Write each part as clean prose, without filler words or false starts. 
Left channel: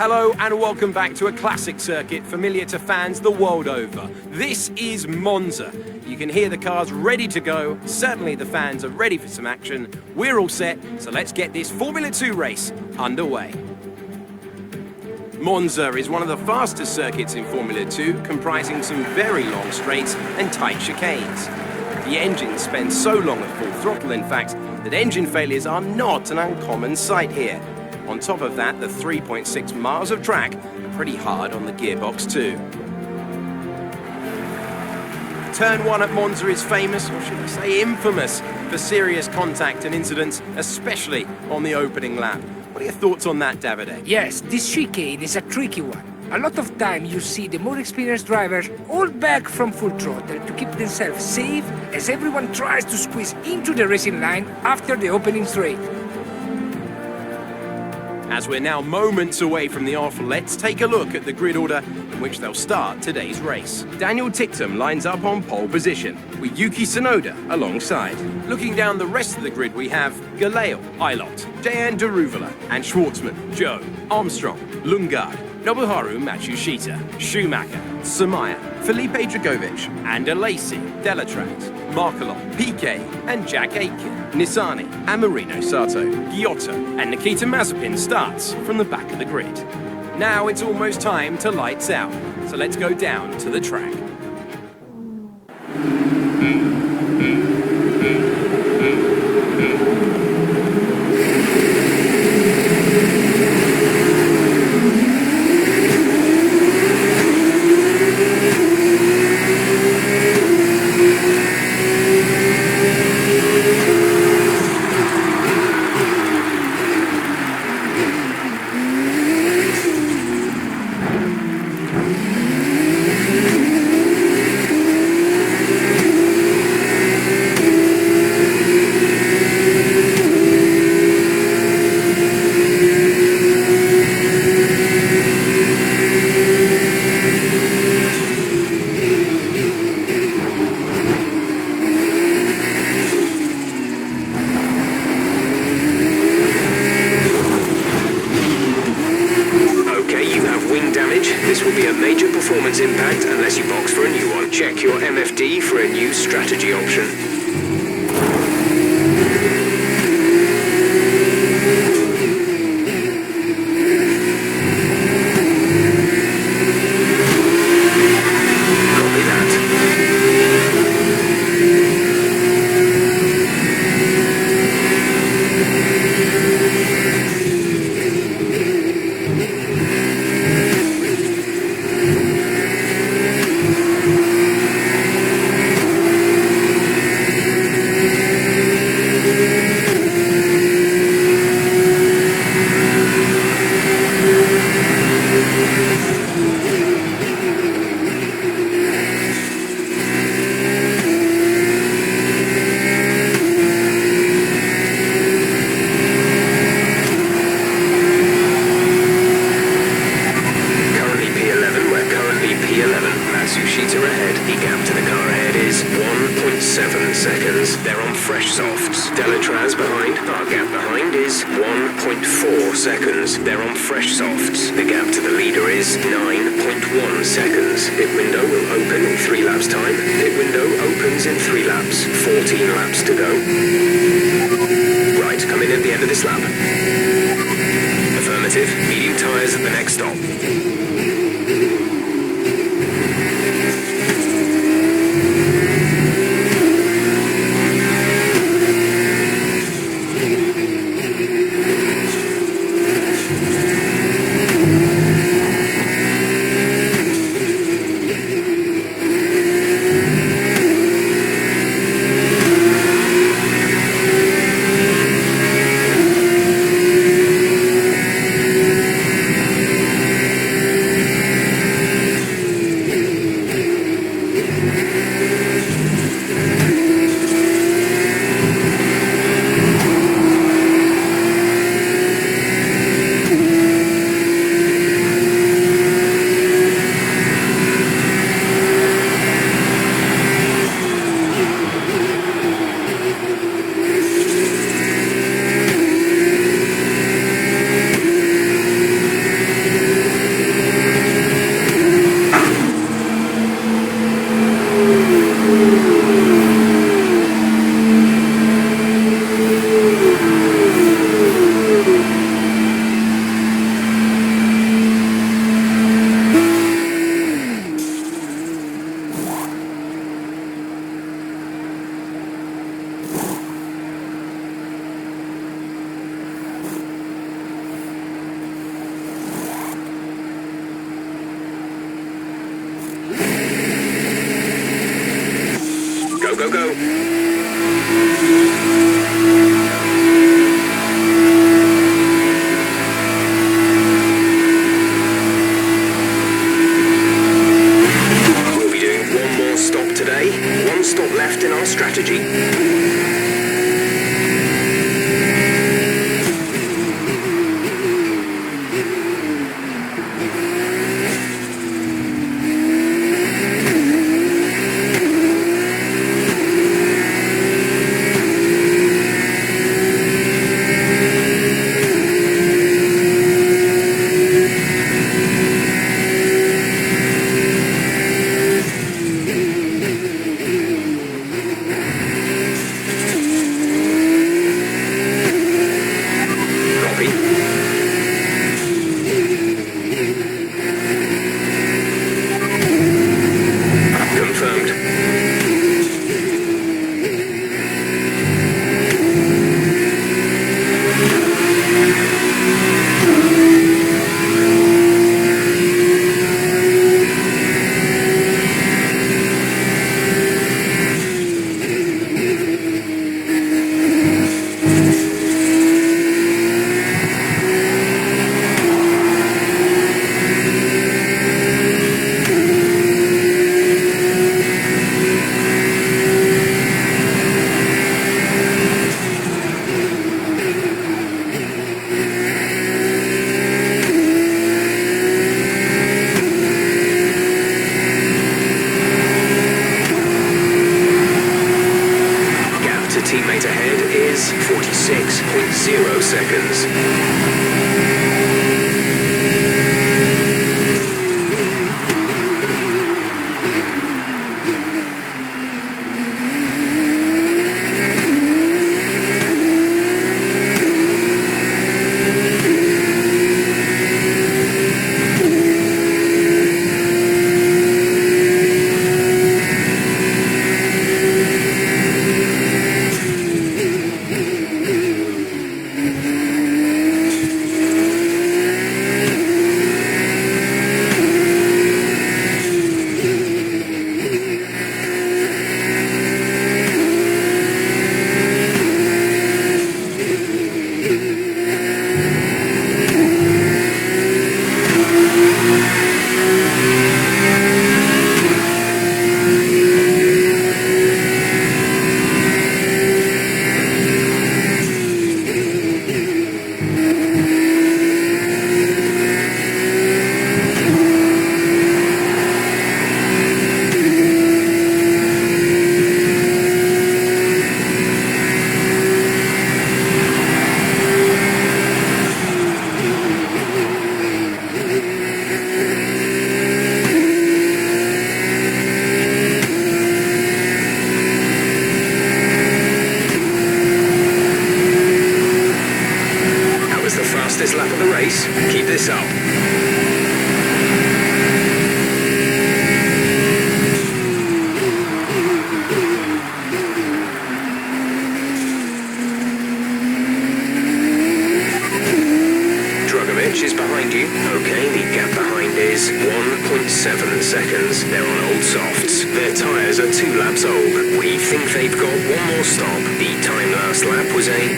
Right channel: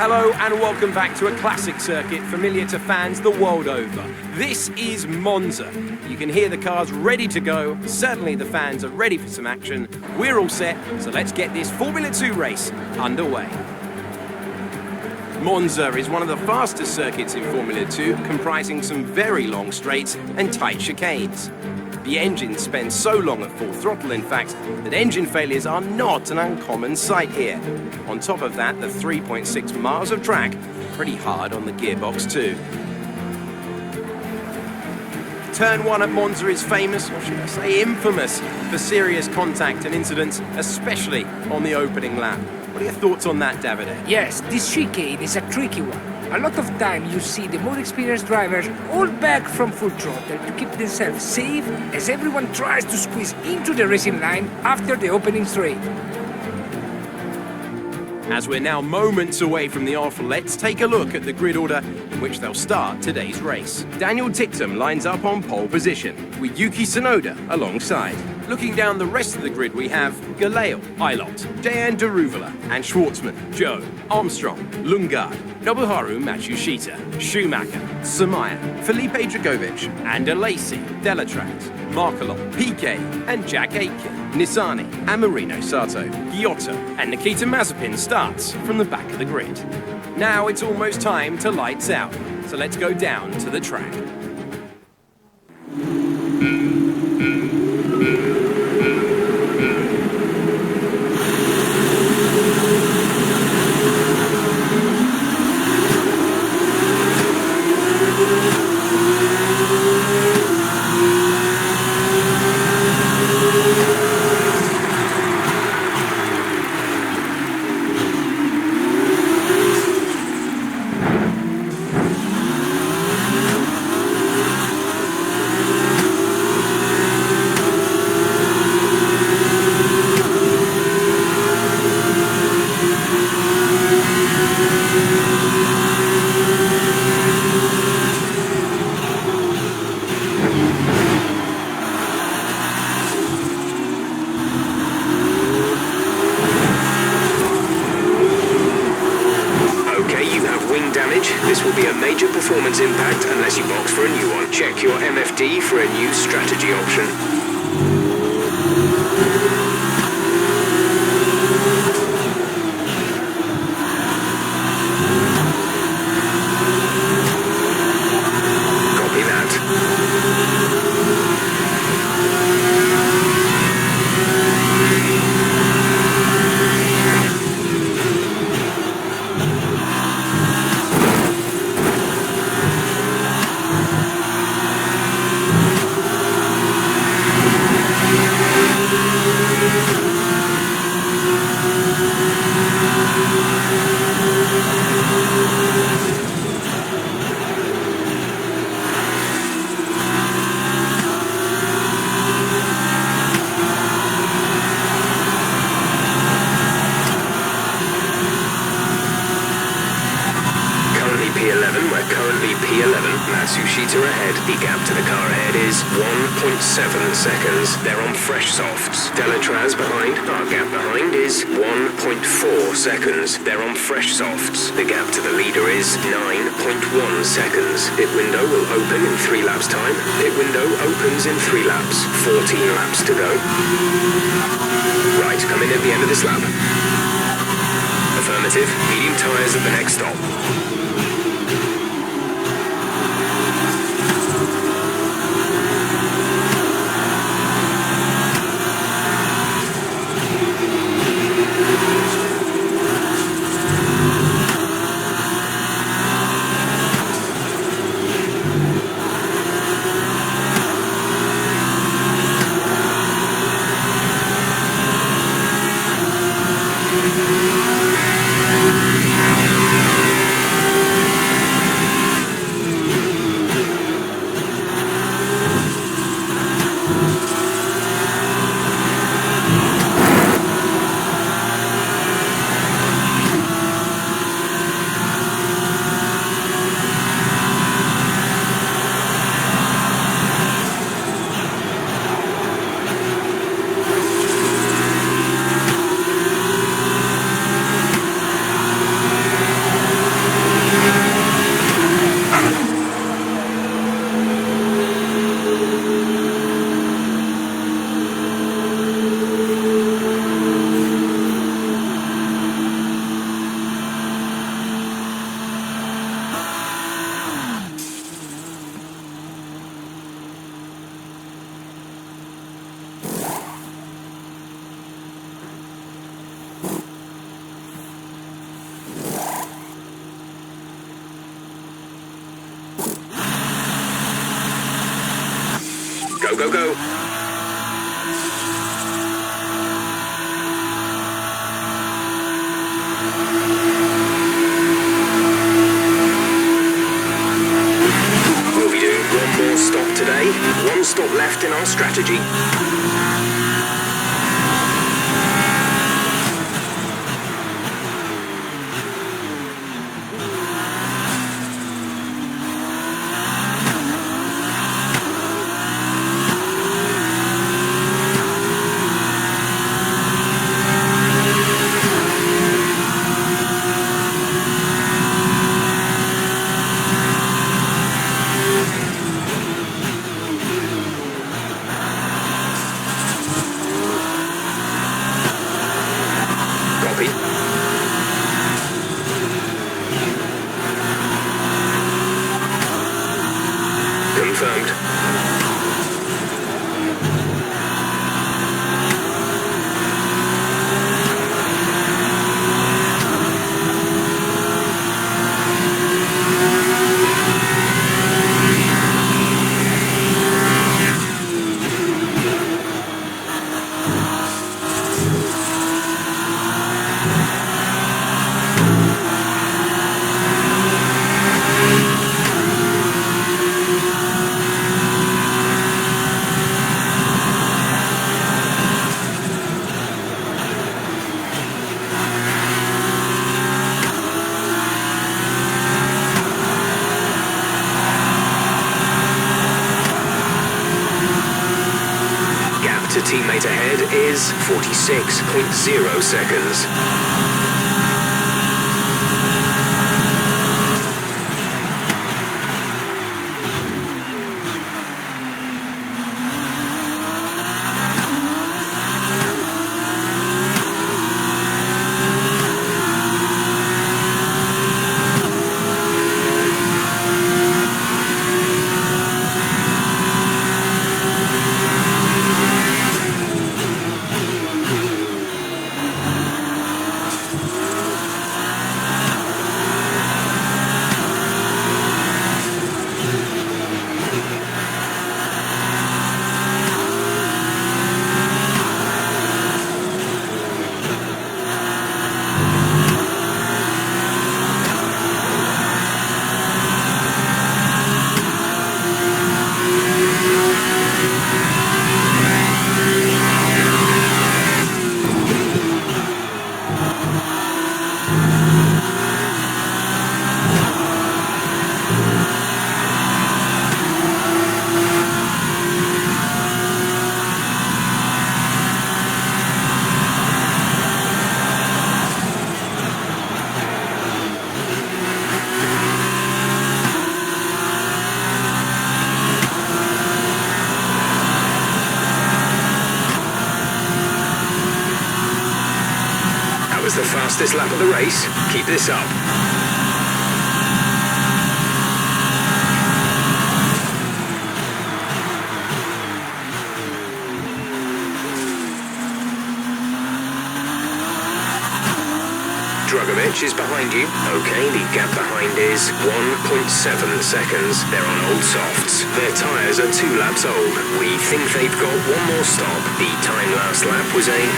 Hello and welcome back to a classic circuit familiar to fans the world over. This is Monza. You can hear the cars ready to go. Certainly the fans are ready for some action. We're all set, so let's get this Formula 2 race underway. Monza is one of the fastest circuits in Formula 2, comprising some very long straights and tight chicanes. The engines spend so long at full throttle, in fact, that engine failures are not an uncommon sight here. On top of that, the 3.6 miles of track are pretty hard on the gearbox too. Turn 1 at Monza is famous, or should I say infamous, for serious contact and incidents, especially on the opening lap. What are your thoughts on that, Davide? Yes, this chicane is a tricky one. A lot of time you see the more experienced drivers hold back from full throttle to keep themselves safe as everyone tries to squeeze into the racing line after the opening straight. As we're now moments away from the off, let's take a look at the grid order in which they'll start today's race. Daniel Ticktum lines up on pole position, with Yuki Tsunoda alongside. Looking down the rest of the grid, we have Galeo, Eilot, Jehan Daruvala, and Schwartzman, Joe, Armstrong, Lundgaard, Nobuharu Matsushita, Schumacher, Samaya, Felipe Dragovic, and Alesi, Delatraz, Markelot, Piquet, and Jack Aitken, Nissany, and Marino Sato, Giotto, and Nikita Mazepin starts from the back of the grid. Now it's almost time to lights out, so let's go down to the track. This will be a major performance impact unless you box for a new one. Check your MFD for a new strategy option. Copy that. Matsushita ahead. The gap to the car ahead is 1.7 seconds. They're on fresh softs. Delatraz behind. Our gap behind is 1.4 seconds. They're on fresh softs. The gap to the leader is 9.1 seconds. Pit window will open in 3 laps time. Pit window opens in 3 laps. 14 laps to go. Right, come in at the end of this lap. Affirmative. Medium tyres at the next stop. Go, go, go. We'll be doing one more stop today. One stop left in our strategy. Confirmed. To teammate ahead is 46.0 seconds. The fastest lap of the race. Keep this up. Dragovic is behind you. Okay, the gap behind is 1.7 seconds. They're on old softs. Their tyres are 2 laps old. We think they've got one more stop. The time last lap was a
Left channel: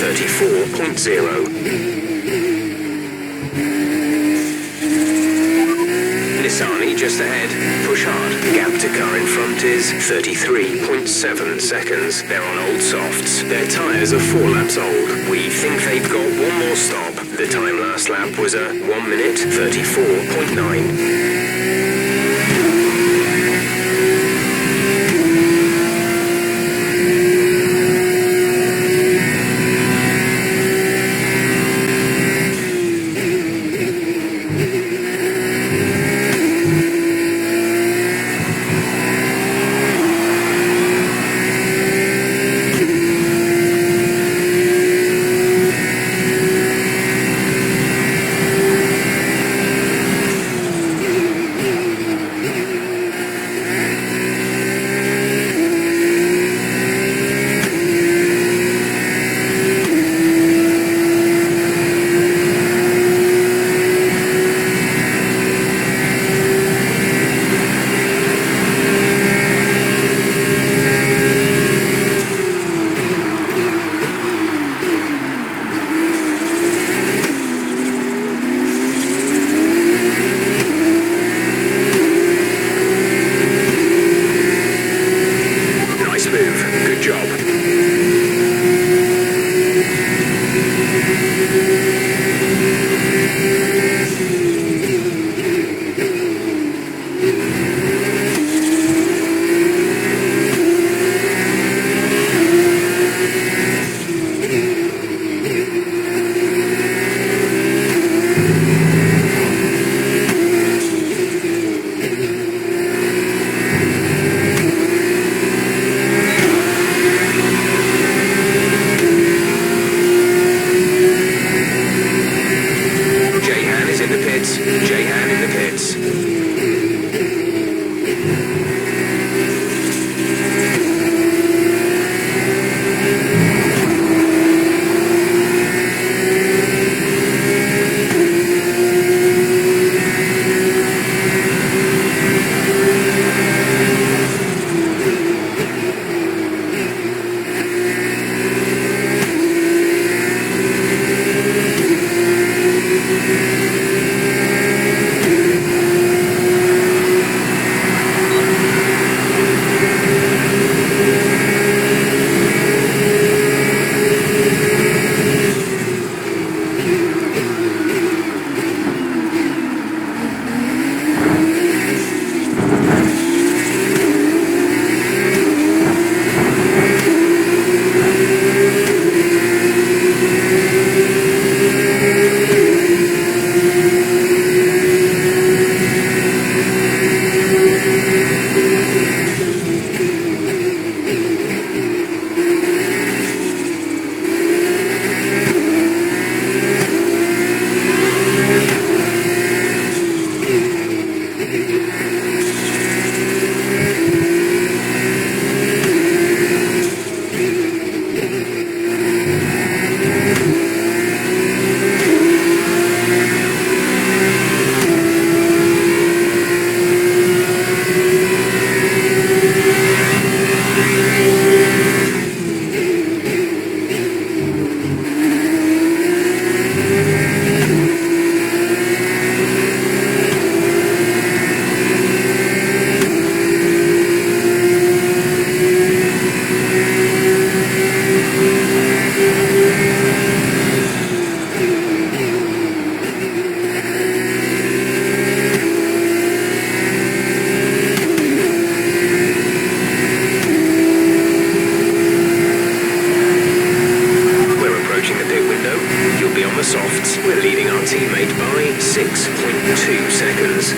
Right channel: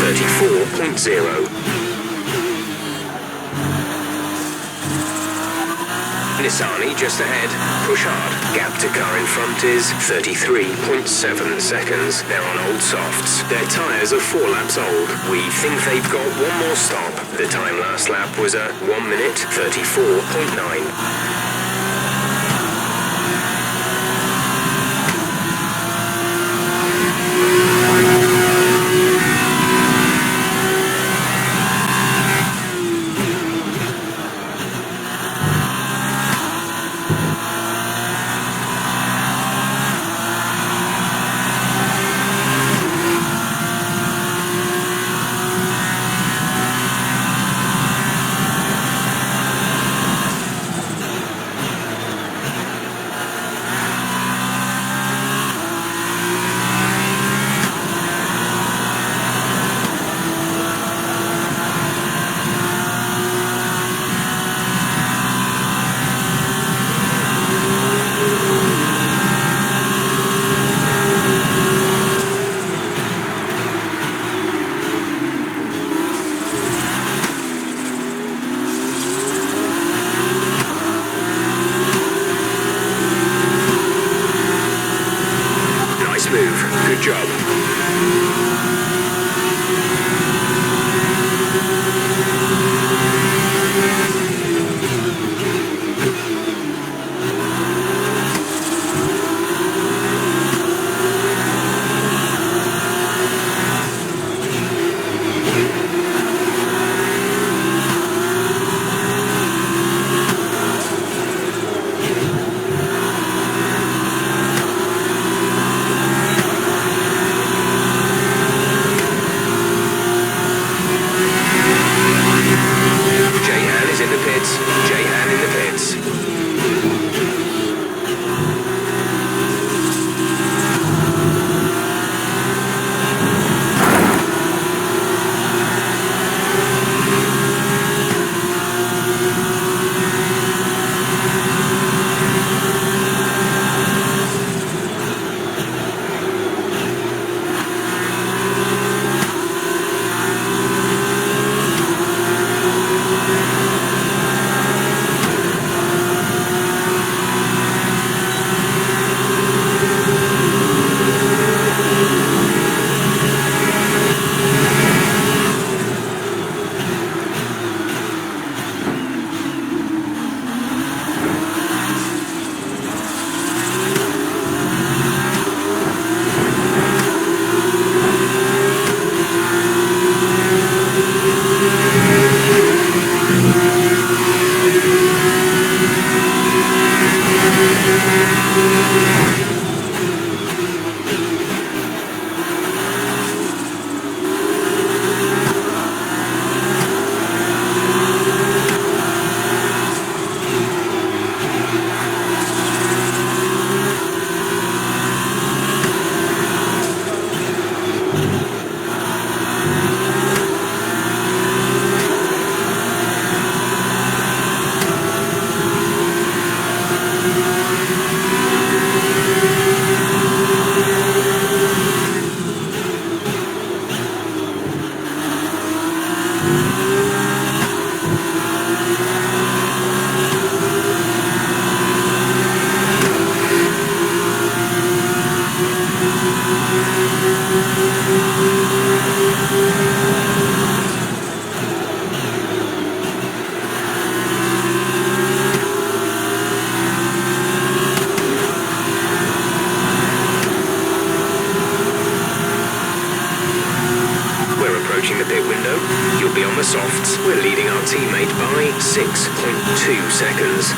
1:34.0. Nissani just ahead. Push hard. Gap to car in front is 33.7 seconds. They're on old softs. Their tyres are 4 laps old. We think they've got one more stop. The time last lap was a 1:34.9. smooth. Good job. J-Han in the pits. You'll be on the softs. We're leading our teammate by 6.2 seconds.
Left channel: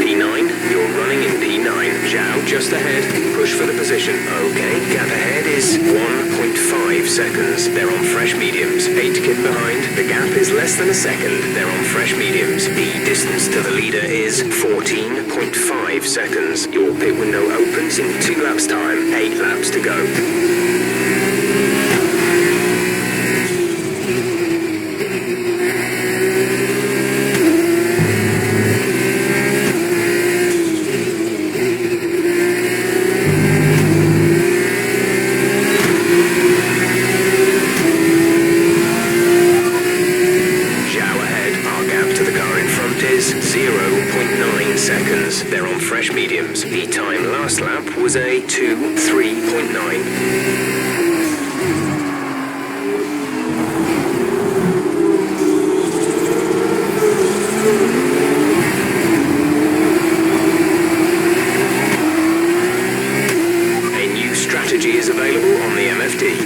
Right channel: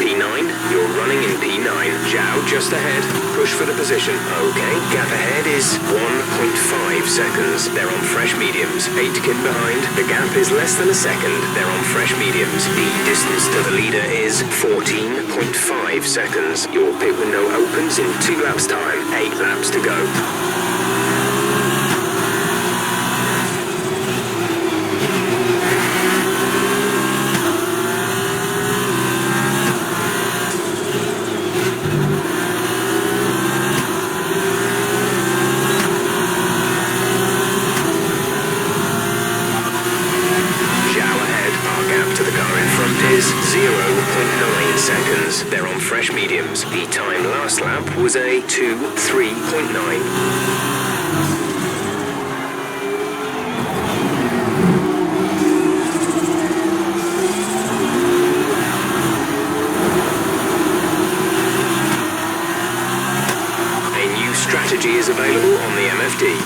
P9, you're running in P9. Zhao just ahead. Push for the position. Okay, gap ahead is 1.5 seconds. They're on fresh mediums. 8 kid behind. The gap is less than a second. They're on fresh mediums. The distance to the leader is 14.5 seconds. Your pit window opens in 2 laps time. 8 laps to go. Is 0.9 seconds. They're on fresh mediums. The time last lap was a 2:3.9. Strategy is available on the MFD.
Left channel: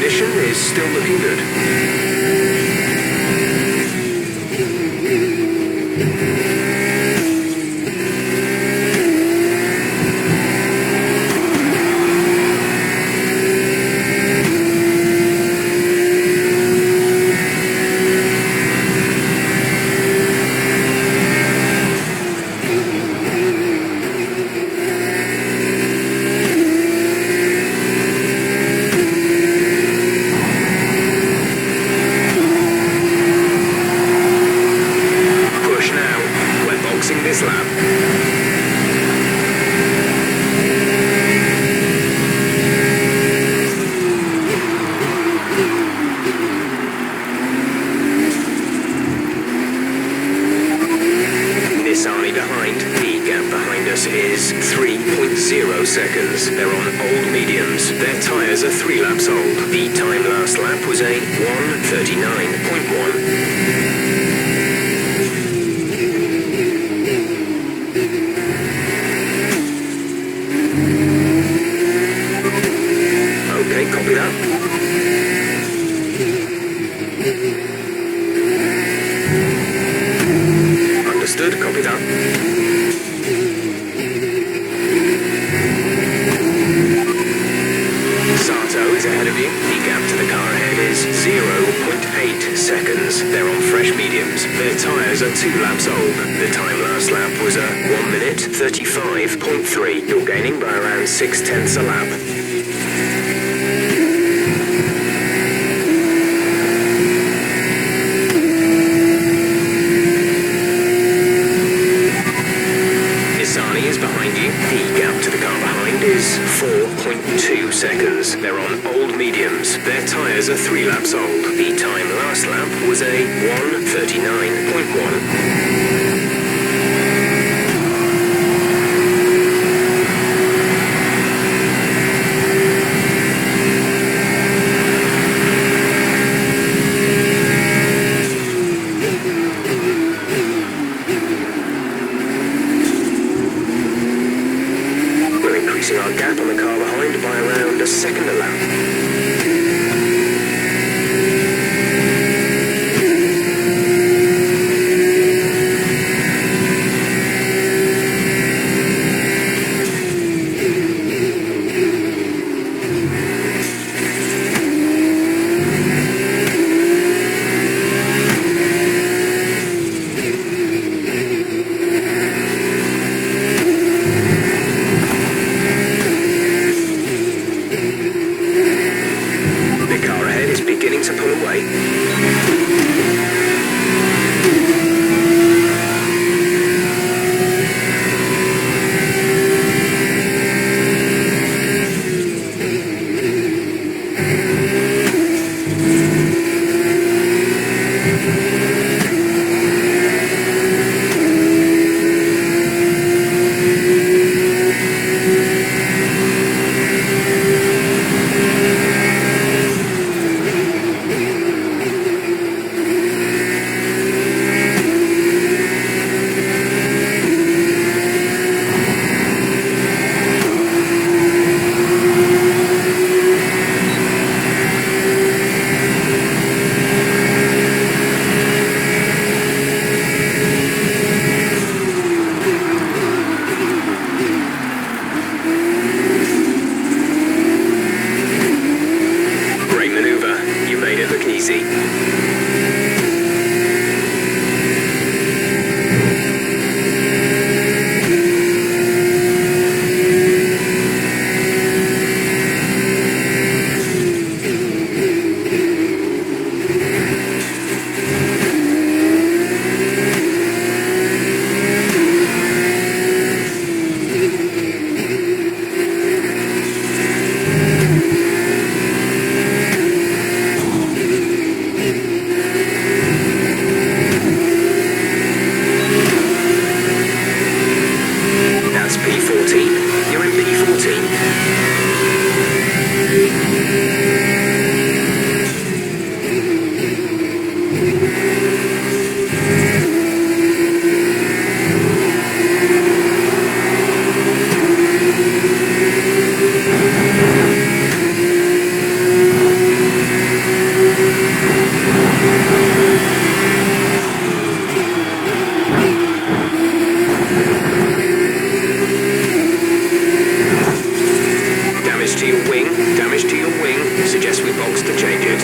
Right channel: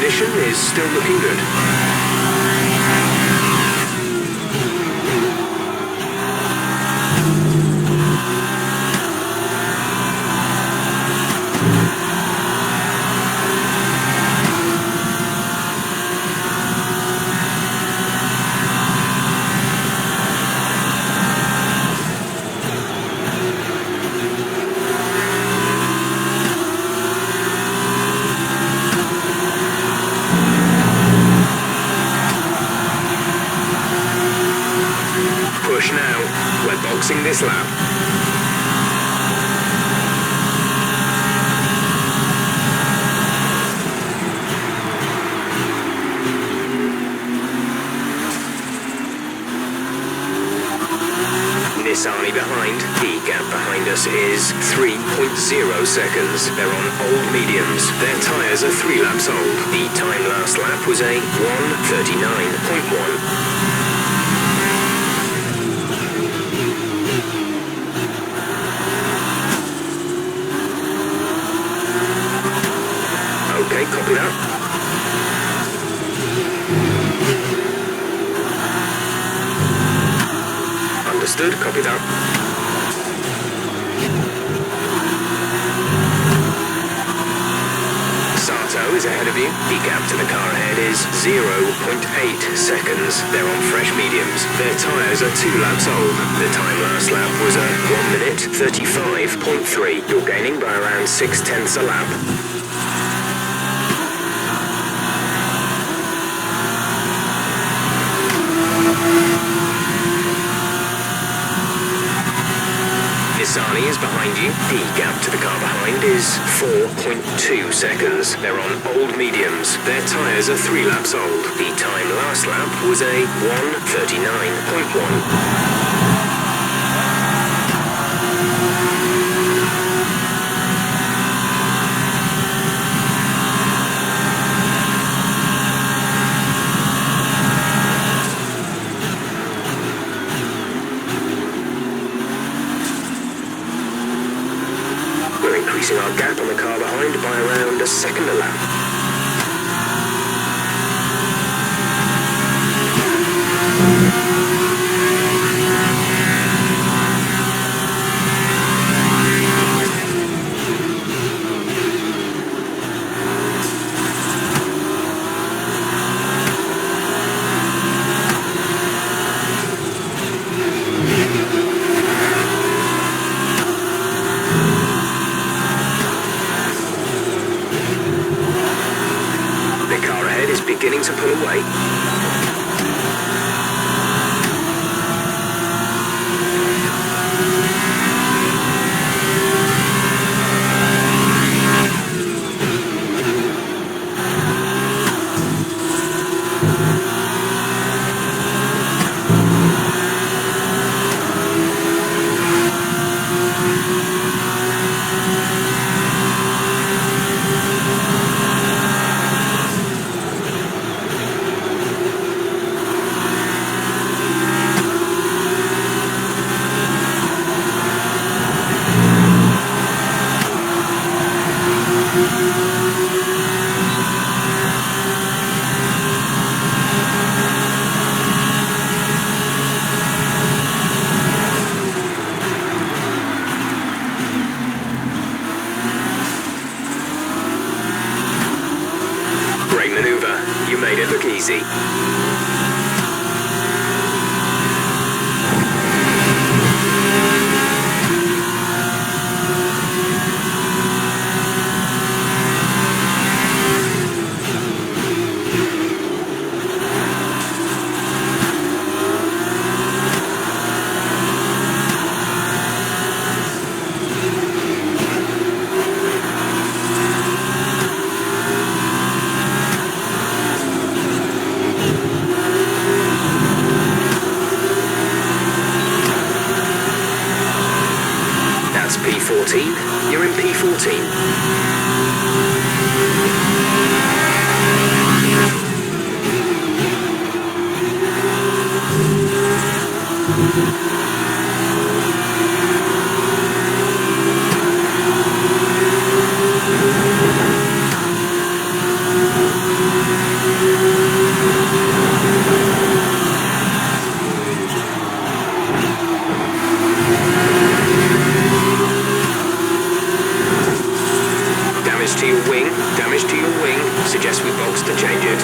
condition is still looking good. This lap. Nissan behind. The gap behind us is 3.0 seconds. They're on old mediums. Their tyres are 3 laps old. The time last lap was a 1:39.1. Okay, copy that. Understood, copy that. Sato is ahead of you. The gap to the car ahead is 0.8 seconds. They're on fresh mediums. Their tyres are 2 laps old. The time last lap was a 1:35.3. You're gaining by around 0.6 a lap. Nissan is behind you. The gap to the car behind is 4.2 seconds. They're on old mediums. Their tyres are 3 laps old. The time last lap was a 1:39.1. Increasing our gap on the car behind by around a second a lap. Beginning to pull away. You made it look easy. Suggest we box to change it.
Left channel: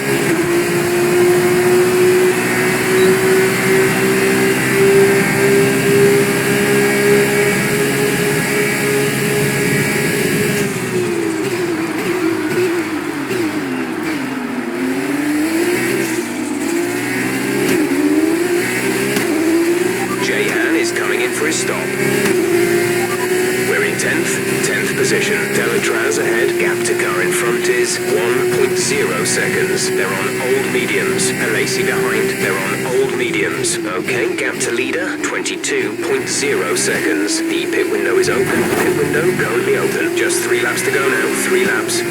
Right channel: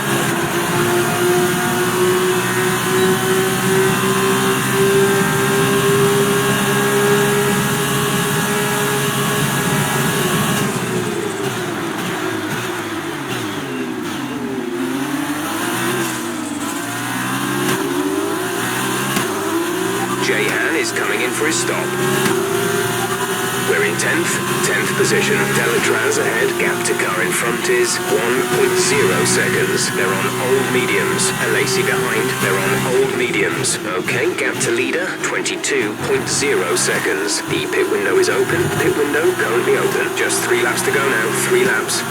Coming in for his stop. We're in 10th position. Delatraz ahead. Gap to car in front is 1.0 seconds. They're on old mediums. Alesi behind. They're on old mediums. Okay, gap to leader, 22.0 seconds. The pit window is open. Pit window currently open. Just 3 laps to go now. 3 laps.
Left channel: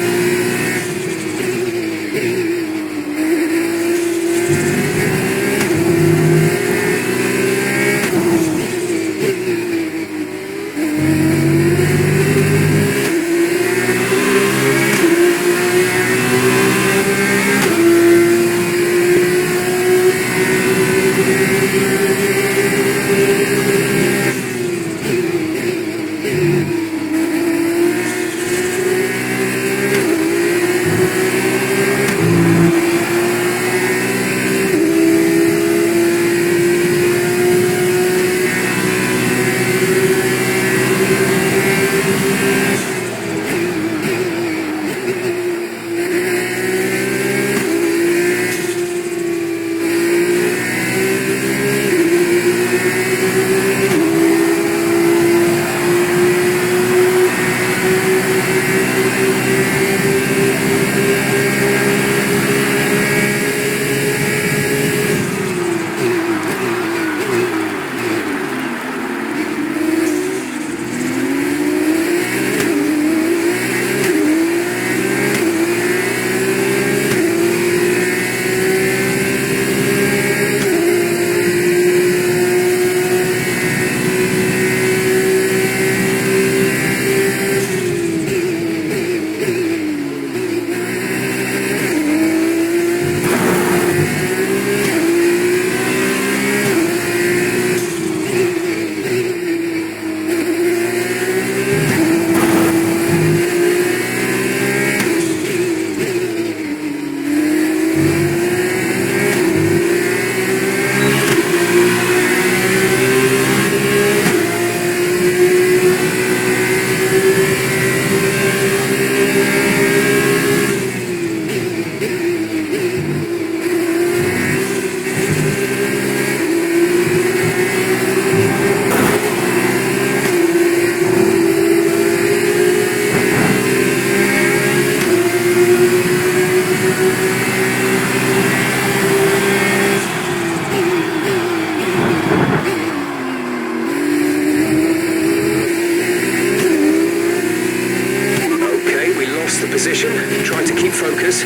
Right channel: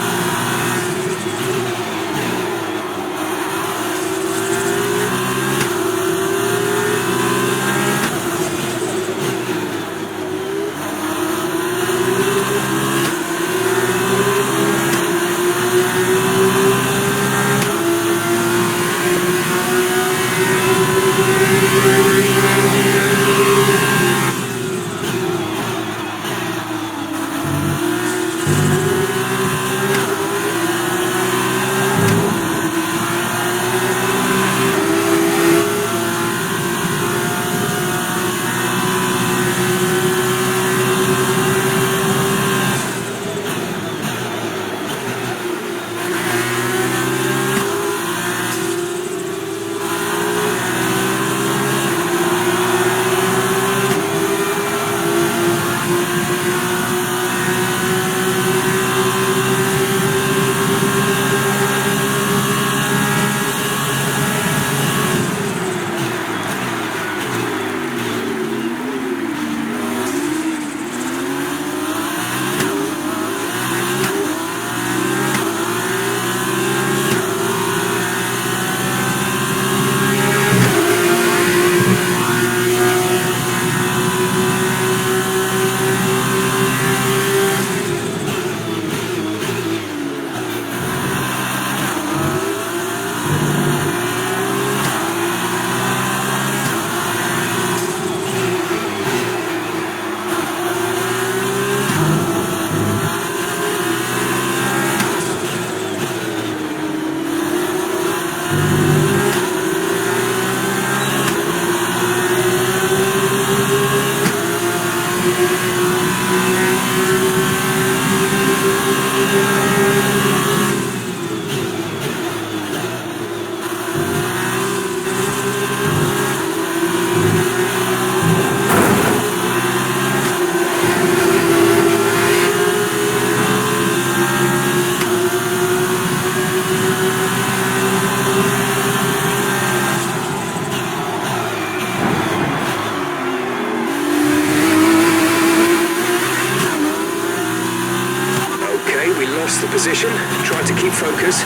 Position, try to keep focus.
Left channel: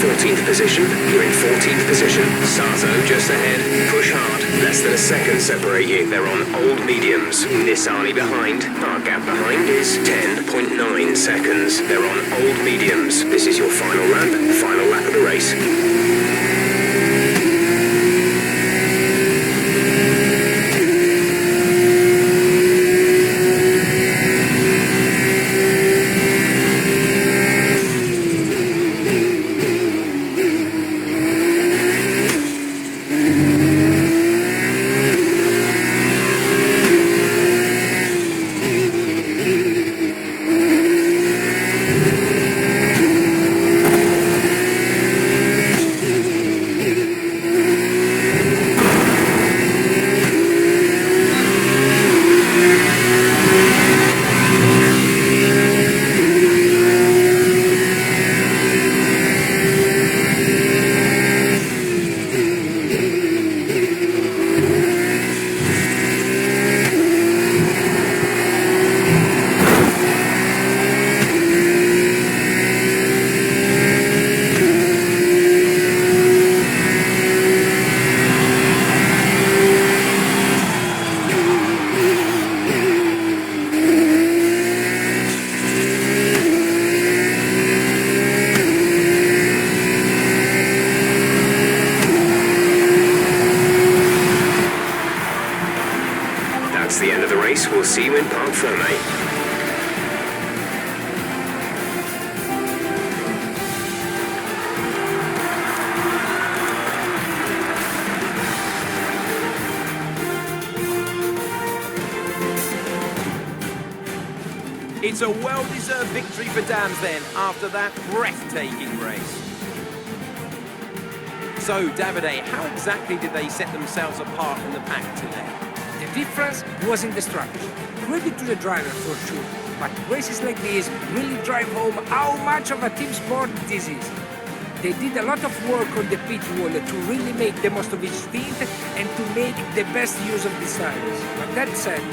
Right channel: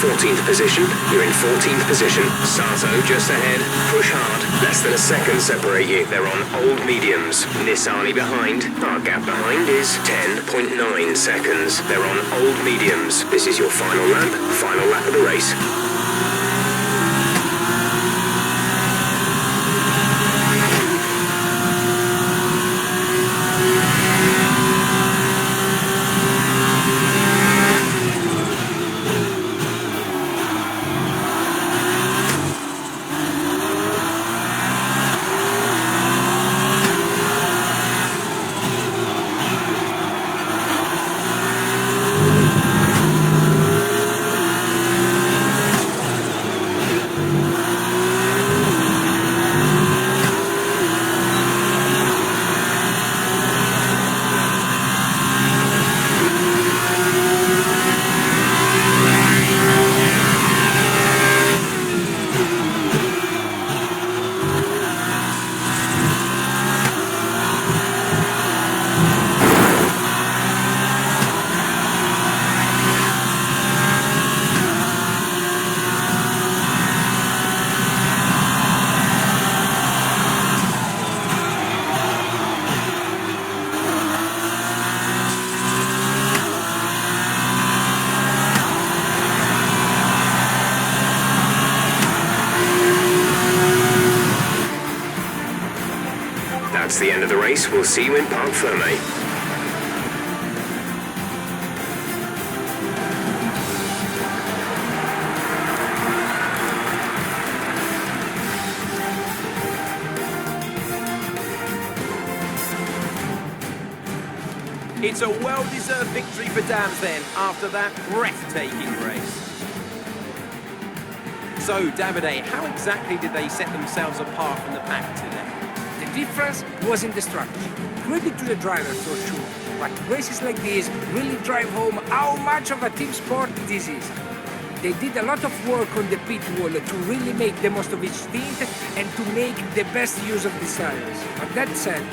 14th position, you're in 14th position. Sato just ahead, push hard. Less than a second separate you. They're on old mediums. Nissani behind. Our gap behind is 10.9 seconds. They're on old mediums. This is your final lap of the race. We'll see you in Parc Ferme. It's a well-deserved victory for Dams then, after that breathtaking race. So, Davide, how exactly did they set themselves apart from the pack today? The difference was in the strategy. Credit to the driver for sure, but races like this really drive home how much of a team sport this is. They did a lot of work on the pit wall to really make the most of each stint and to make the best use of the tires. But that said,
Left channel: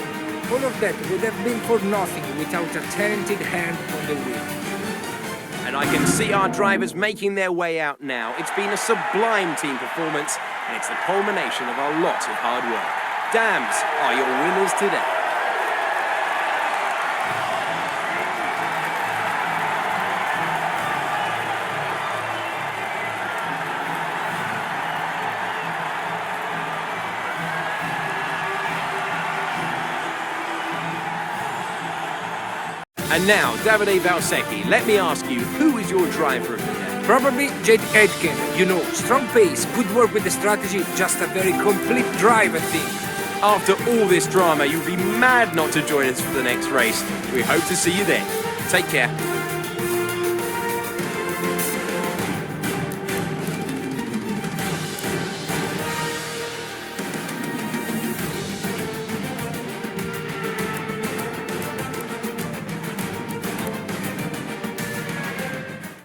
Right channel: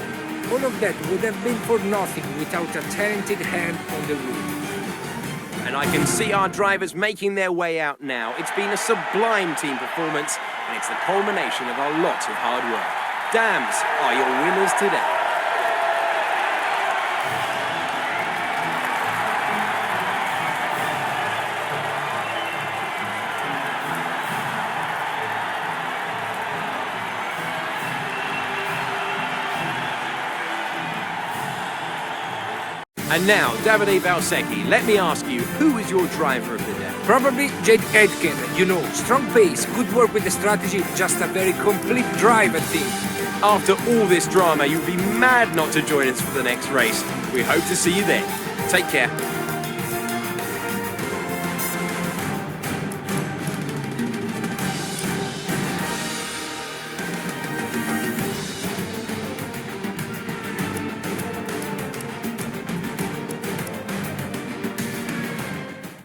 all of that would have been for nothing without a talented hand on the wheel. And I can see our drivers making their way out now. It's been a sublime team performance, and it's the culmination of a lot of hard work. Dams are your winners today. And now, Davide Valsecchi, let me ask you, who is your driver of the day? Probably Jade Aitken, you know, strong pace, good work with the strategy, just a very complete drive, I think. After all this drama, you'd be mad not to join us for the next race. We hope to see you then. Take care.